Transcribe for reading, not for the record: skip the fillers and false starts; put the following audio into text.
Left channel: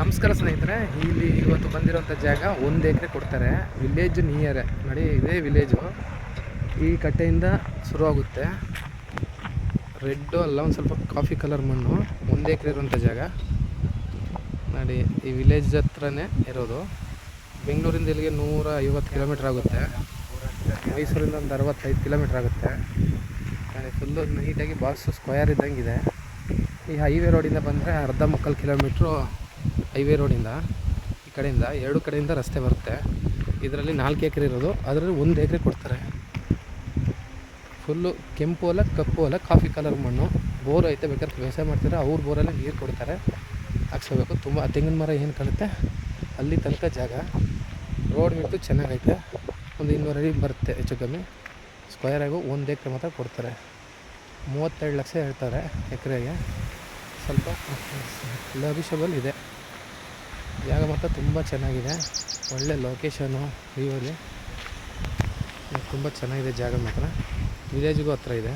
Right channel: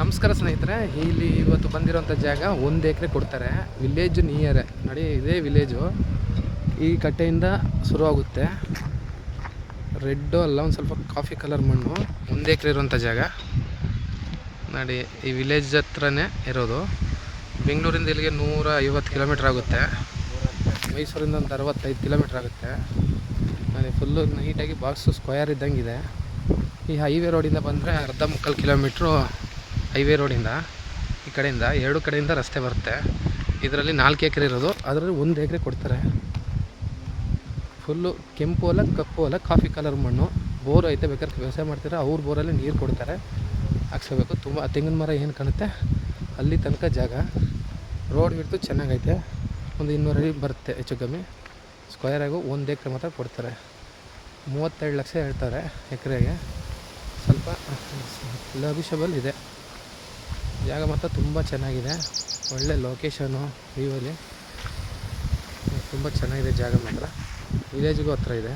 ನಮಸ್ಕಾರ ಸ್ನೇಹಿತರೆ. ಇಲ್ಲಿ ಇವತ್ತು ಬಂದಿರೋಂಥ ಜಾಗ 1 ಎಕರೆ ಕೊಡ್ತಾರೆ. ವಿಲೇಜ್ ನಿಯರೇ ನೋಡಿ, ಇದೇ ವಿಲೇಜು. ಈ ಕಟ್ಟೆಯಿಂದ ಶುರುವಾಗುತ್ತೆ. ರೆಡ್ಡು ಅಲ್ಲ, ಒಂದು ಸ್ವಲ್ಪ ಕಾಫಿ ಕಲರ್ ಮಣ್ಣು. 1 ಎಕರೆ ಇರೋಂಥ ಜಾಗ ನೋಡಿ. ಈ ವಿಲೇಜ್ ಹತ್ರನೇ ಇರೋದು. ಬೆಂಗಳೂರಿಂದ ಇಲ್ಲಿಗೆ 150 ಕಿಲೋಮೀಟ್ರ್ ಆಗುತ್ತೆ. ಮೈಸೂರಿಂದ ಒಂದು 65 ಕಿಲೋಮೀಟ್ರ್ ಆಗುತ್ತೆ. ನೋಡಿ, ಫುಲ್ಲು ನೀಟಾಗಿ ಬಾಕ್ಸು ಸ್ಕ್ವಯರ್ ಇದ್ದಂಗಿದೆ. ಈ ಹೈವೇ ರೋಡಿಂದ ಬಂದರೆ 1.25 ಕಿಲೋಮೀಟ್ರು ಹೈವೇ ರೋಡಿಂದ. ಈ ಕಡೆಯಿಂದ 2 ಕಡೆಯಿಂದ ರಸ್ತೆ ಬರುತ್ತೆ. ಇದರಲ್ಲಿ 4 ಎಕರೆ ಇರೋದು, ಅದರಲ್ಲಿ 1 ಎಕರೆ ಕೊಡ್ತಾರೆ. ಫುಲ್ಲು ಕೆಂಪು ಹೊಲ, ಕಪ್ಪು ಹೊಲ, ಕಾಫಿ ಕಲರ್ ಮಣ್ಣು. ಬೋರ್ ಐತೆ, ಬೇಕಾದ್ರೆ ವ್ಯವಸಾಯ ಮಾಡ್ತಾರೆ. ಅವ್ರ ಬೋರಲ್ಲೇ ನೀರು ಕೊಡ್ತಾರೆ, ಹಾಕ್ಸ್ಕೋಬೇಕು. ತುಂಬ ತೆಂಗಿನ ಮರ ಏನು ಕಾಣುತ್ತೆ ಅಲ್ಲಿ ತನಕ ಜಾಗ. ರೋಡ್ ಬಿಟ್ಟು ಚೆನ್ನಾಗೈತೆ. ಒಂದು 200 ಅಡಿ ಬರುತ್ತೆ ಹೆಚ್ಚು ಕಮ್ಮಿ. ಸ್ಕ್ವಯರಾಗು 1 ಎಕರೆ ಮಾತ್ರ ಕೊಡ್ತಾರೆ. 32 ಲಕ್ಷ ಹೇಳ್ತಾರೆ ಎಕರೆಗೆ. ಸ್ವಲ್ಪ ಲಭಿಷಬಲ್ ಇದೆ ಜಾಗ ಮಾತ್ರ. ತುಂಬ ಚೆನ್ನಾಗಿದೆ, ಒಳ್ಳೆ ಲೊಕೇಶನು. ವ್ಯೂವಲ್ಲಿ ತುಂಬ ಚೆನ್ನಾಗಿದೆ ಜಾಗ ಮಾತ್ರ. ವಿಲೇಜ್ಗೂ ಹತ್ರ ಇದೆ.